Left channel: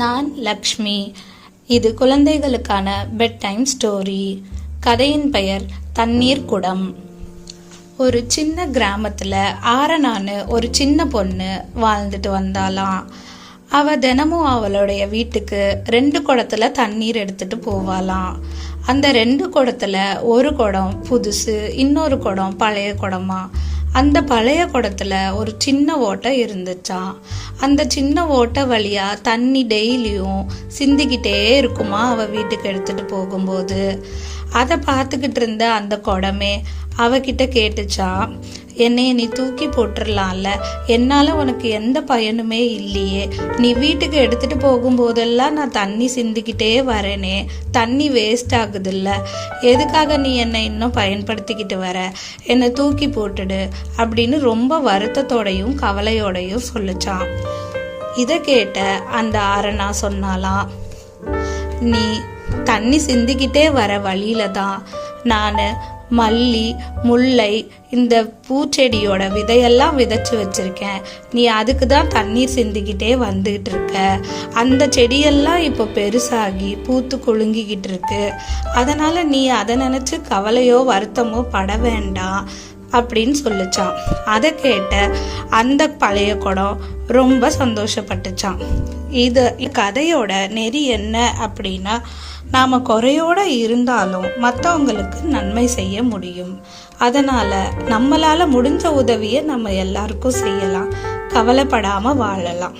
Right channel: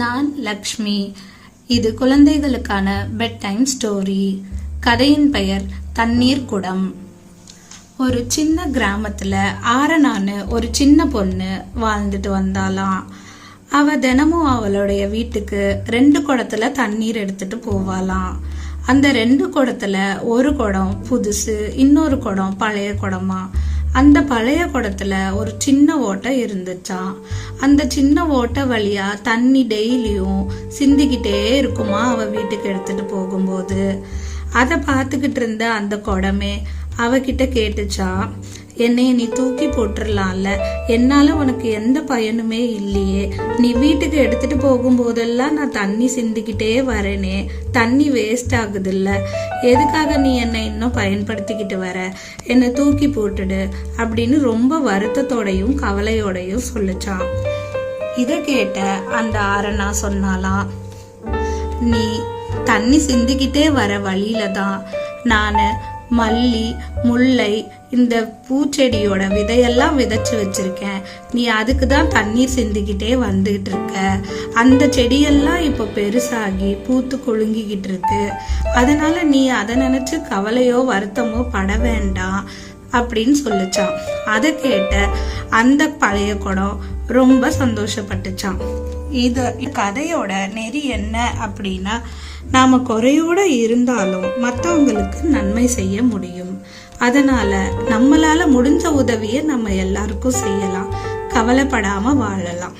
நான் லக்ஷ்மி. இது குழந்தைகளுக்கான பெட் டைம் ஸ்டோரி. கதையின் பெயர் தண்ணீர் குடம். ஒரு சின்ன கிராமத்துல ஆரனான்னு ஒரு சின்ன பொண்ணு வாழ்ந்துட்டு வந்தாலாம். அவ தினமும் அவளுடைய வீட்டுக்கு 2 குடத்துல தண்ணீர் எடுத்துட்டு போவாளாம். அந்த 2 குடத்துல ஒரு குடம் புதுசு, இன்னொரு குடம் பழைய குடமா. அந்த பழைய குடத்துல ஒரு சின்ன ஓட்டை இருந்துச்சாம். அந்த சின்ன ஓட்டை வழியா தண்ணி டெய்லியும் சிந்திக்கிட்டே இருக்குமா அவ வீட்டுக்கு எடுத்துட்டு போகும்போது. அதை பார்த்துக்கிட்டு இருந்த அந்த குடமே அவகிட்ட கேட்டுச்சான், என்னைய நீ தூக்கி போட்டுடலாம்ல, என்னால உனக்கு எந்த பயனுமே இல்லையே, நீ வீட்டுக்கு எடுத்துட்டு போகும்போதெல்லாம் நான் தண்ணி சிந்திக்கிட்டே வரேனே, தண்ணி வேஸ்ட் ஆகுது இல்ல, எதுக்காக நீ என்னை இன்னும் பயன்படுத்திக்கிட்டு வர, என்னை தூக்கி போட்டுடு அப்படின்னு ரொம்ப வருத்தத்தோடையும் கவலையோடையும் சொல்லிச்சான். இதை கேட்ட அந்த ஆரனா சொன்னாலாம், நீ தண்ணி சிந்திக்கிட்டே வர வழியில தான் நான் மல்லி, முல்லை, இந்த பூச்செடியோட விதையெல்லாம் விதைச்சு வச்சிருக்கேன். நீ அதுக்கு தான் தண்ணீர் சிந்திக்கிட்டே வந்துகிட்டு இருக்க. அந்த செடியெல்லாம் இப்போ பெருசாகி பூத்து குலுங்கிக்கிட்டு இருக்கு. அதனால நீ அதை நினைச்சு கவலையோ வருத்தமோ பட வேண்டாம் அப்படின்னு சொல்லிச்சான். அதை கேட்ட அந்த பழைய குடம் ரொம்ப சந்தோஷப்பட்டுச்சான். இது கதையோட நெறி என்ன அப்படின்னா, நாம குறையோட இருந்தாலும் மற்றவங்களுக்கு நன்மை செய்ய முடியும். அதனால நம்மளால முடிஞ்ச உதவியை நம்ம எல்லாருக்கும் செய்யலாம். கவலைப்படாம வாழலாம்.